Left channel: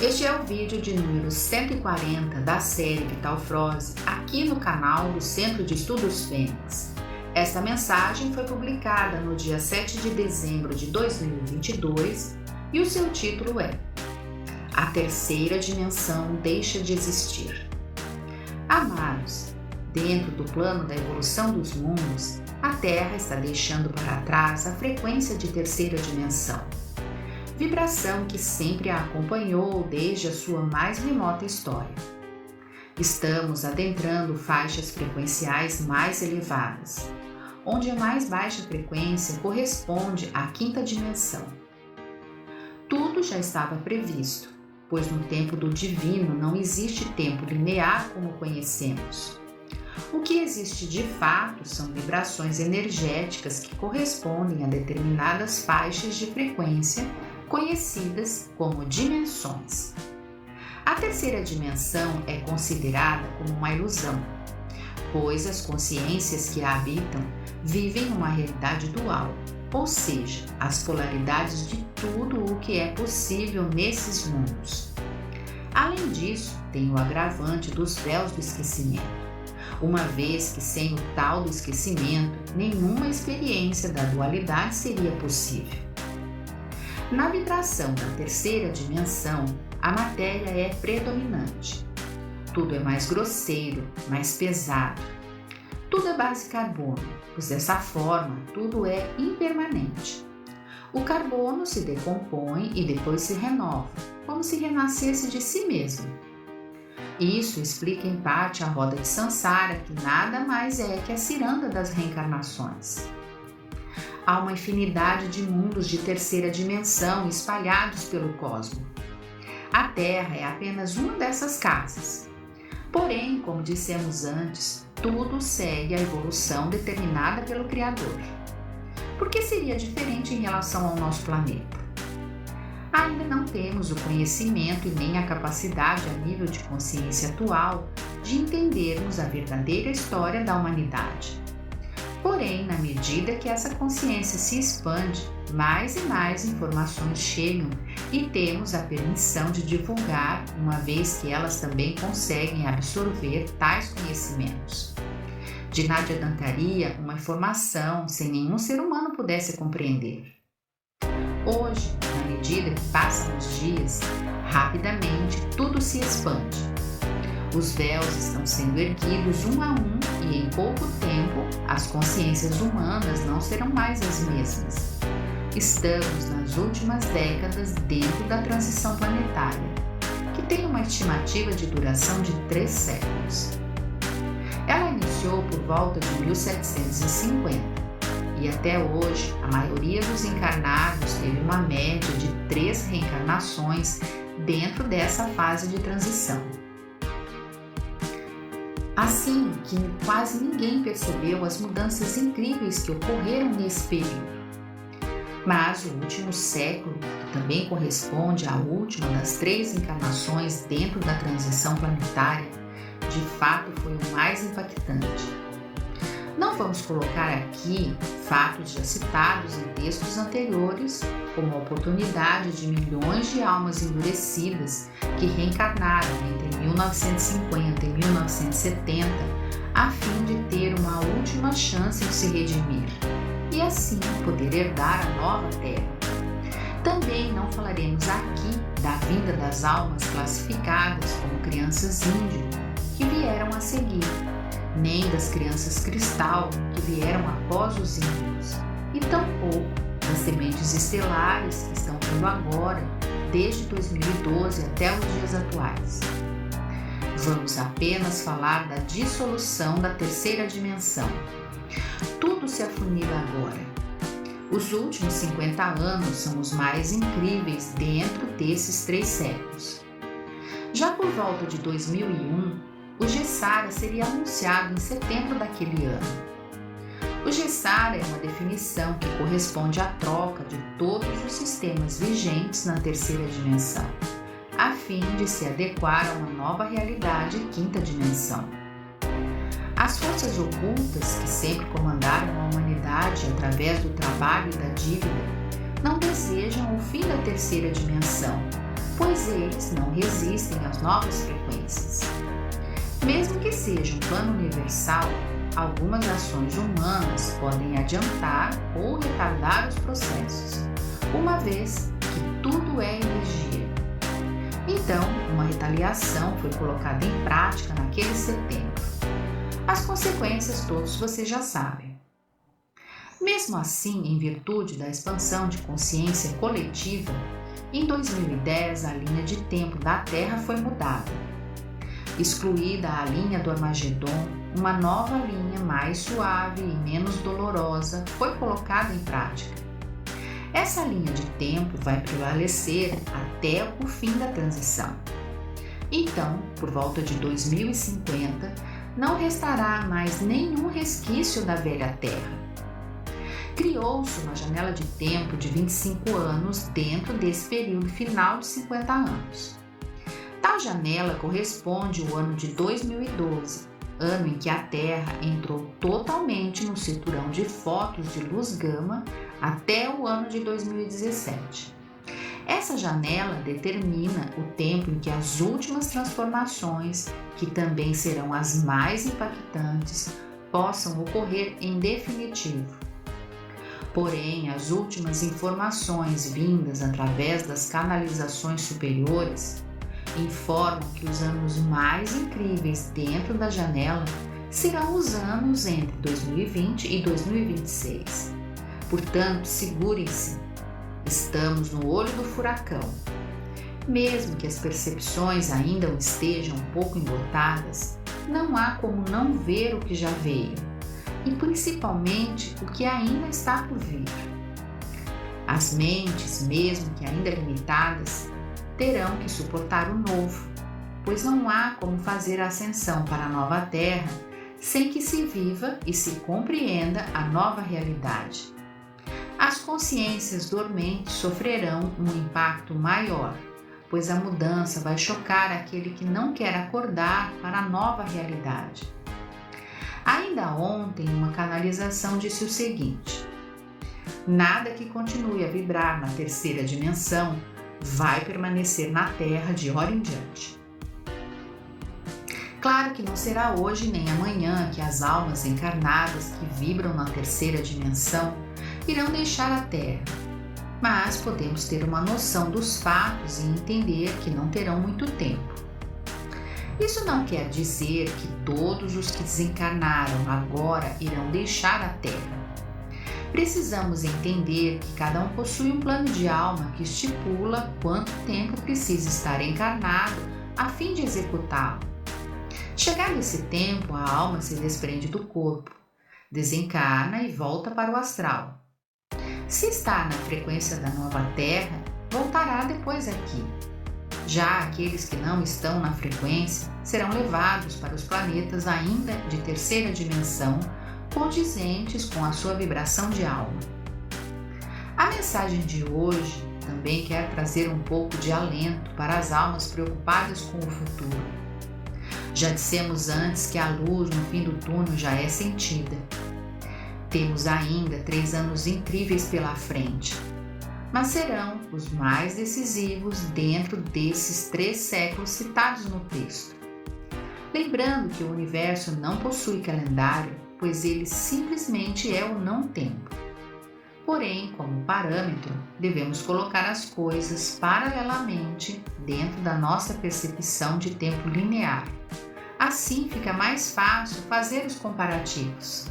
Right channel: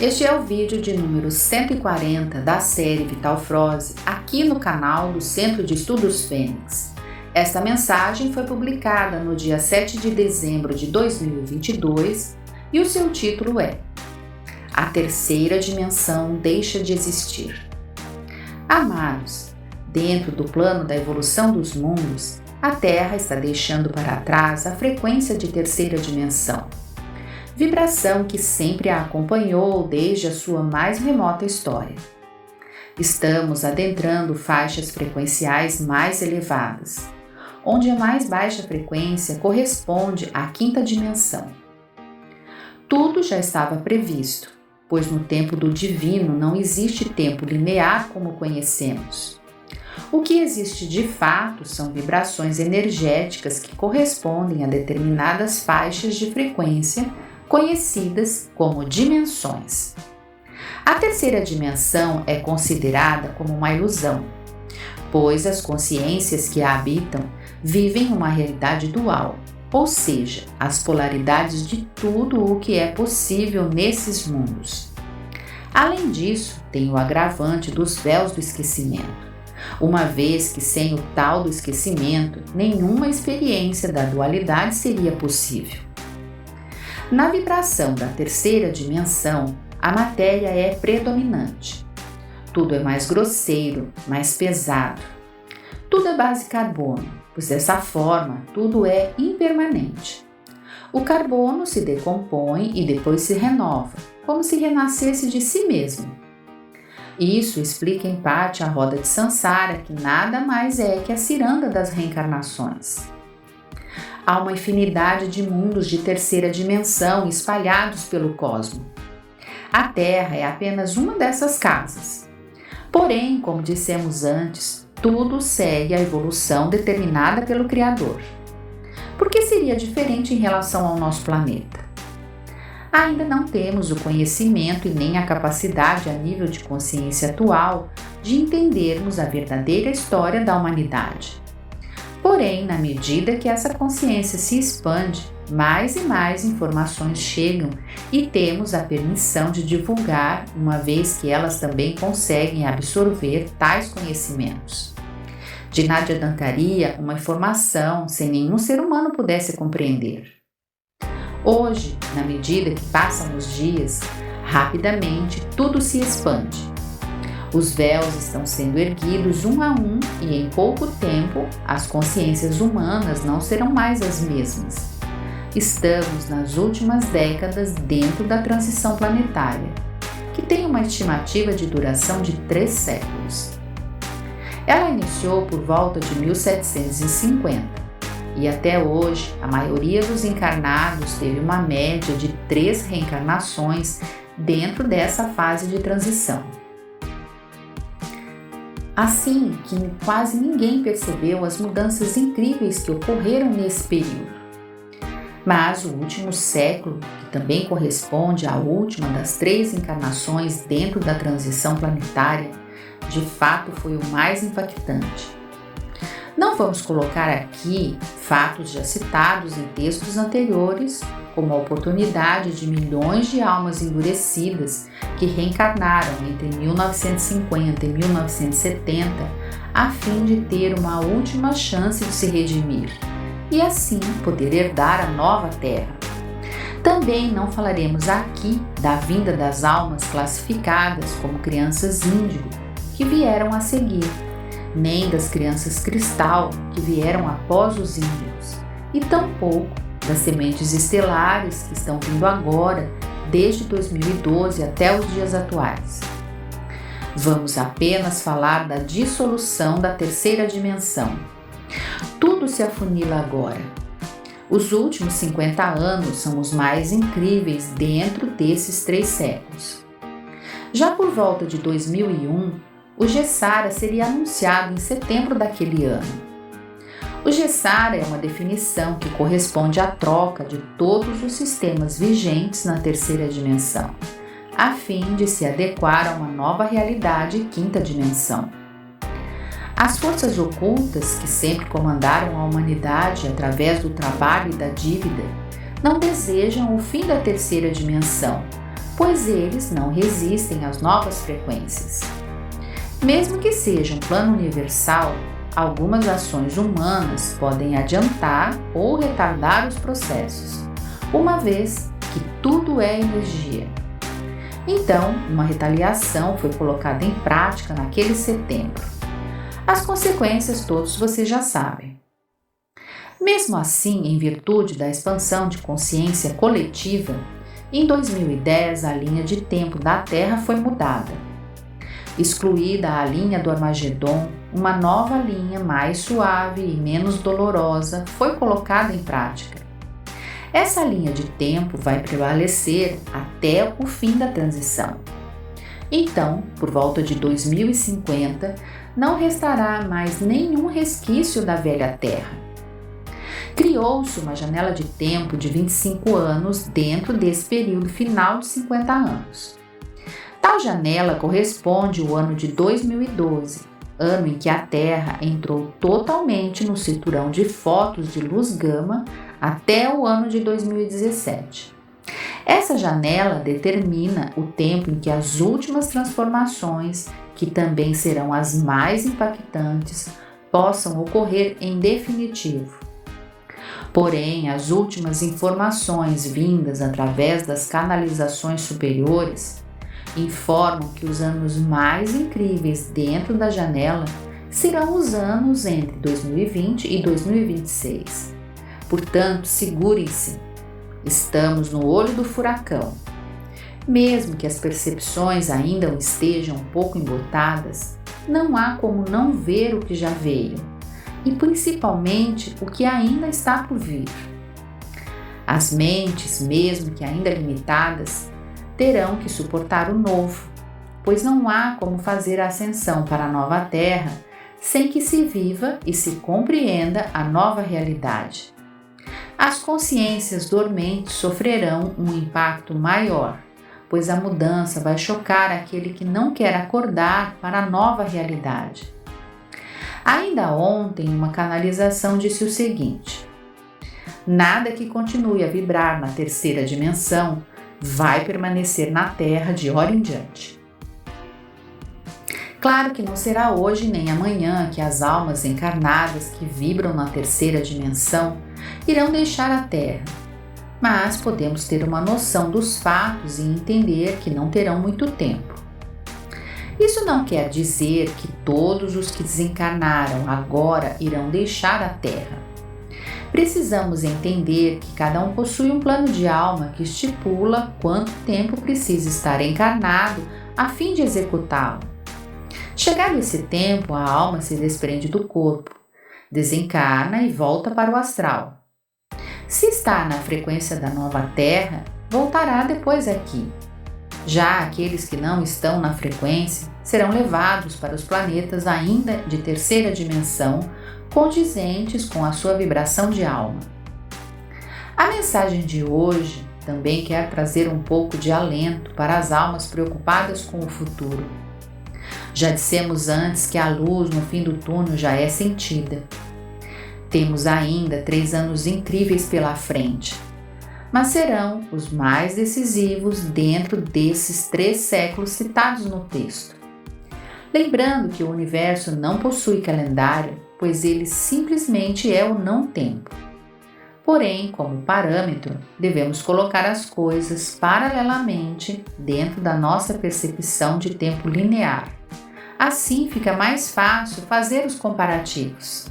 Este é o vídeo de número 140 da série Vitalfrose, aqui no canal do Centro de Estudos Fênix. Esta mensagem foi publicada no dia 7 de dezembro de 2022 e o seu título é A Terceira Dimensão Deixa de Existir. Amados, dentro do plano da evolução dos mundos, a Terra está deixando para trás a frequência de terceira dimensão. Vibração que sempre a acompanhou desde a sua mais remota história. Estamos adentrando faixas frequenciais mais elevadas, onde a mais baixa frequência corresponde à quinta dimensão. Tudo já estava previsto, pois no tempo do divino não existe tempo linear como conhecemos. O que existe de fato são vibrações energéticas que correspondem a determinadas faixas de frequência conhecidas como dimensões. A terceira dimensão é considerada como uma ilusão, pois as consciências que a habitam vivem uma realidade dual, ou seja, as polaridades de tudo o que é possível nesses mundos. Além disso, tem o agravante dos véus do esquecimento, uma vez que sem o tal do esquecimento, nenhuma experiência da dualidade seria possível. Na vibração da terceira dimensão, a matéria é predominante. Tudo é mais grosseiro, mais pesado. Tudo é base carbono, pois dessa forma tudo é impermanente. O carbono se decompõe e depois se renova, como se renascesse de si mesmo. Isso explica em parte a roda de Sansara, que nada mais é que a ciranda das reencarnações. Há uma infinidade de mundos de terceira dimensão espalhados pelo cosmos. A Terra é apenas uma dessas casas. Porém, como dissemos antes, tudo segue a evolução determinada pelo Criador. Por que seria diferente em relação ao nosso planeta? Ainda não temos o conhecimento e nem a capacidade a nível de consciência atual de entendermos a verdadeira história da humanidade. Porém, na medida que essa consciência se expande, mais e mais informações chegam e temos a permissão de divulgar, uma vez que elas também conseguem absorver tais conhecimentos. De nada adiantaria uma informação sem nenhum ser humano pudesse compreender. Hoje, na medida que passam os dias, rapidamente tudo se expande. Os véus estão sendo erguidos um a um e em pouco tempo as consciências humanas não serão mais as mesmas. Estamos nas últimas décadas dentro da transição planetária, que tem uma estimativa de duração de 3 séculos. Ela iniciou por volta de 1750 e até hoje a maioria dos encarnados teve uma média de 3 reencarnações dentro dessa fase de transição. Assim que quase ninguém percebeu as mudanças incríveis que ocorreram nesse período. Mas o último século, que também corresponde à última das 3 encarnações dentro da transição planetária, de fato foi o mais impactante. Não vamos colocar aqui fatos já citados em textos anteriores, como a oportunidade de milhões de almas endurecidas que reencarnaram entre 1950 e 1970 a fim de ter uma última chance de se redimir e assim poder herdar a nova terra. Também não falaremos aqui da vinda das almas classificadas como crianças índio que vieram a seguir, nem das crianças cristal que vieram após os índios, e tampouco das sementes estelares que estão vindo agora, desde 2012 até os dias atuais. Vamos apenas falar da dissolução da terceira dimensão. Tudo se afunila agora. Os últimos 50 anos são os mais incríveis dentro desses 3 séculos. Já por volta de 2001, o Gessara seria anunciado em setembro daquele ano. O Gessara é uma definição que corresponde à troca de todos os sistemas vigentes na terceira dimensão, a fim de se adequar a uma nova realidade quinta dimensão. As forças ocultas que sempre comandaram a humanidade através do trabalho e da dívida não desejam o fim da terceira dimensão, pois eles não resistem às novas frequências. Mesmo que seja um plano universal, algumas ações humanas podem adiantar ou retardar os processos, uma vez que tudo é energia. Então, uma retaliação foi colocada em prática naquele setembro. As consequências todos vocês já sabem. Mesmo assim, em virtude da expansão de consciência coletiva, em 2010 a linha de tempo da Terra foi mudada. Excluída a linha do Armagedon, uma nova linha mais suave e menos dolorosa foi colocada em prática. Essa linha de tempo vai prevalecer até o fim da transição. Então, por volta de 2050, não restará mais nenhum resquício da velha Terra. Criou-se uma janela de tempo de 25 anos dentro desse período final de 50 anos. Tal janela corresponde ao ano de 2012, ano em que a Terra entrou totalmente no cinturão de focos de luz gama até o ano de 2017. Essa janela determina o tempo em que as últimas transformações, que também serão as mais impactantes, possam ocorrer em definitivo. Porém, as últimas informações vindas através das canalizações superiores informam que os anos mais incríveis dentro da janela serão os anos entre 2020 e 2026. Portanto, segurem-se. Estamos no olho do furacão. Mesmo que as percepções ainda estejam um pouco embotadas, não há como não ver o que já veio e principalmente o que ainda está por vir. As mentes, mesmo que ainda limitadas, terão que suportar o novo, pois não há como fazer a ascensão para a nova Terra sem que se viva e se compreenda a nova realidade. As consciências dormentes sofrerão um impacto maior, pois a mudança vai chocar aquele que não quer acordar para a nova realidade. Ainda ontem, uma canalização disse o seguinte: nada que continue a vibrar na terceira dimensão vai permanecer na Terra de hora em diante. Claro que não será hoje nem amanhã que as almas encarnadas que vibram na terceira dimensão irão deixar a Terra, mas podemos ter uma noção dos fatos e entender que não terão muito tempo. Isso não quer dizer que todos os que desencarnaram agora irão deixar a Terra. Precisamos entender que cada um possui um plano de alma que estipula quanto tempo precisa estar encarnado a fim de executá-lo. Chegado esse tempo, a alma se desprende do corpo, desencarna e volta para o astral. Se está na frequência da nova Terra, voltará depois aqui. Já aqueles que não estão na frequência serão levados para os planetas ainda de terceira dimensão, condizentes com a sua vibração de alma. A mensagem de hoje também quer trazer um pouco de alento para as almas preocupadas com o futuro. Já dissemos antes que a luz no fim do túnel já é sentida. Temos ainda 3 anos incríveis pela frente, mas serão os mais decisivos dentro desses 3 séculos citados no texto. Lembrando que o universo não possui calendário, pois ele simplesmente é o não-tempo. Porém, como parâmetro, devemos colocar as coisas paralelamente dentro da nossa percepção de tempo linear. Assim fica mais fácil fazer os comparativos.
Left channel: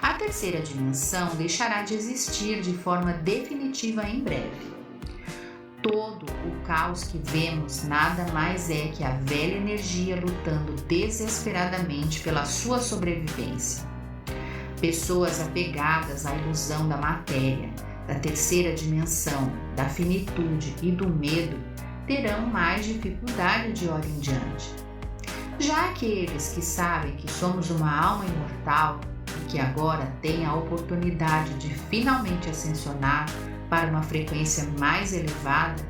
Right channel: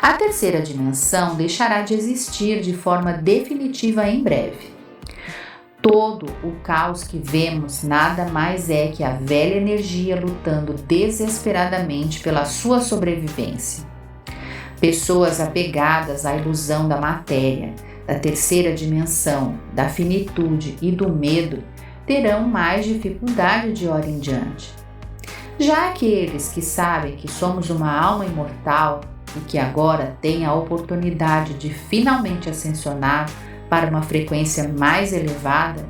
A terceira dimensão deixará de existir de forma definitiva em breve. Todo o caos que vemos nada mais é que a velha energia lutando desesperadamente pela sua sobrevivência. Pessoas apegadas à ilusão da matéria, da terceira dimensão, da finitude e do medo terão mais dificuldade de hora em diante. Já aqueles que sabem que somos uma alma imortal e que agora têm a oportunidade de finalmente ascensionar para uma frequência mais elevada,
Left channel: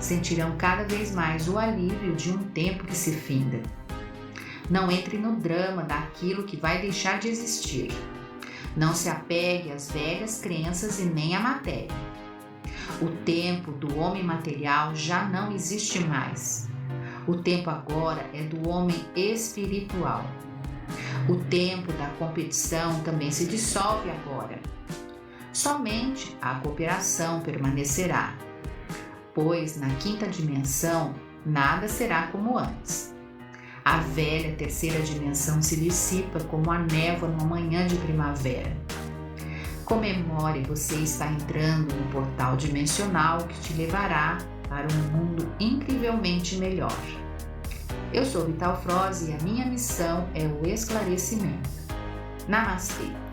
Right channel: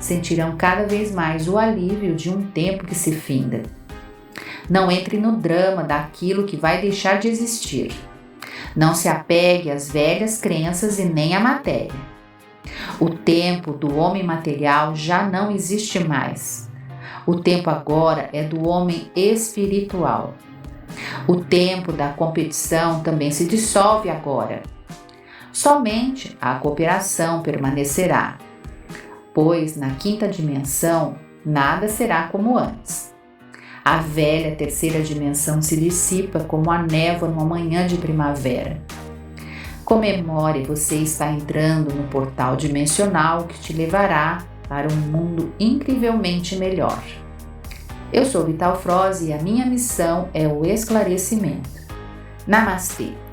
sentirão cada vez mais o alívio de um tempo que se finda. Não entre no drama daquilo que vai deixar de existir. Não se apegue às velhas crenças e nem à matéria. O tempo do homem material já não existe mais. O tempo agora é do homem espiritual. O tempo da competição também se dissolve agora. Somente a cooperação permanecerá, pois na quinta dimensão nada será como antes. A velha terceira dimensão se dissipa como a névoa numa manhã de primavera. Comemore, você está entrando no portal dimensional que te levará para um mundo incrivelmente melhor. Eu sou Vital Froze e a minha missão é o esclarecimento. Namastê!